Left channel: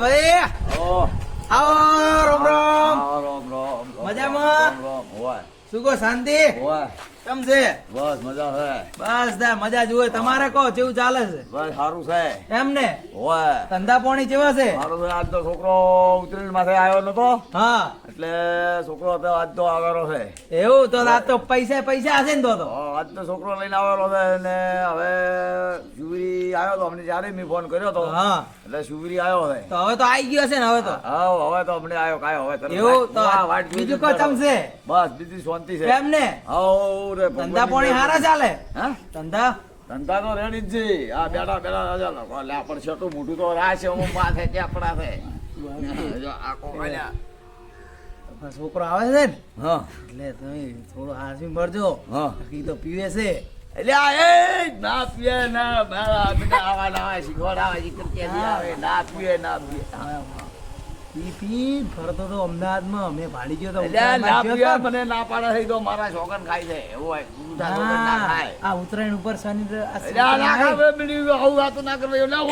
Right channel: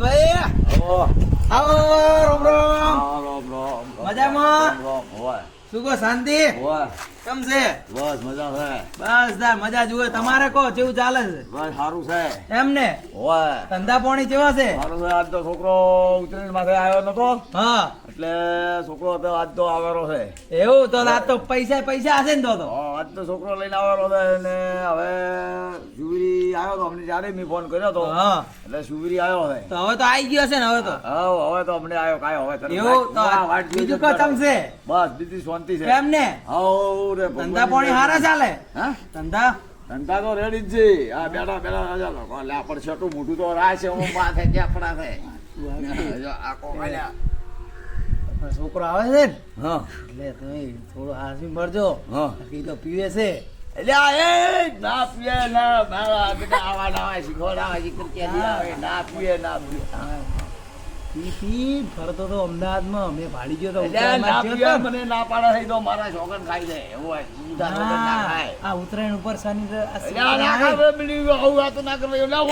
ભાઈ ઓ આવો રોમ રોમ રોમ મજામાં? હોય શું કહો શાંતિ હોય કેમ છે? બસ મજા છે બસ દા મજા જુએ તમારે કહો કેવું ચાલે છે? બસ સારું છે એમ ને હોય ધંધા પાણી કેવા છે? સારું છે આજ તો છોકરો ઉત્તરાયણ માથે આવ્યો નતો હા એટલે છોકરો તો આજ તો આવેલો છે એવું તો આ તો પૈસા પૈસા હશે ને તો આજ તો છોકરો લઈને આવેલો છે ને હવે શિવરી આવ્યો તો અમને જ્યારે મેં ફોન કર્યો તો હા એટલે શિવરી આવ્યો છે તો હવે તો આવી ગયો હશે ને હવે તો હવે તો અમને આવ્યો કાયો હવે તરત એવું તો વાટ જોઈ બીજું જ કહો ચમ છે? બસ બીજી શાંતિ છે એમ ને હાઉ રે ધંધા પાણી સારા ચાલે હા ધંધા ધંધા તો રેડી જ છે આ બેઠા લે પણ છેટું મોટું તો રાહ છે હું માથે ચાપડા છે જો આ કોકાલ્યા છોકરો આવે છે ને હા એટલે તમે થોડું હાસી ભરજો હા ઈ તો પીવે છે એટલે આ એ ના પીએ ના મારા બેટા આવા ના શીખવાડા શીખર કે આવે ના પીએ પી ફરતો તો અમદાવાદમાં અમે ભાડી ગયો તો એટલે ના પીએ મને ના પાડે છે તો મારા છોકરા ખાઈ જાય એવું હોય ઊંધા છોકરા ના ખાય આ ઉત્તરાયણ ઉપર શનિ એટલે આ ના ખાય બીડી આવું વાતો ના કરે ના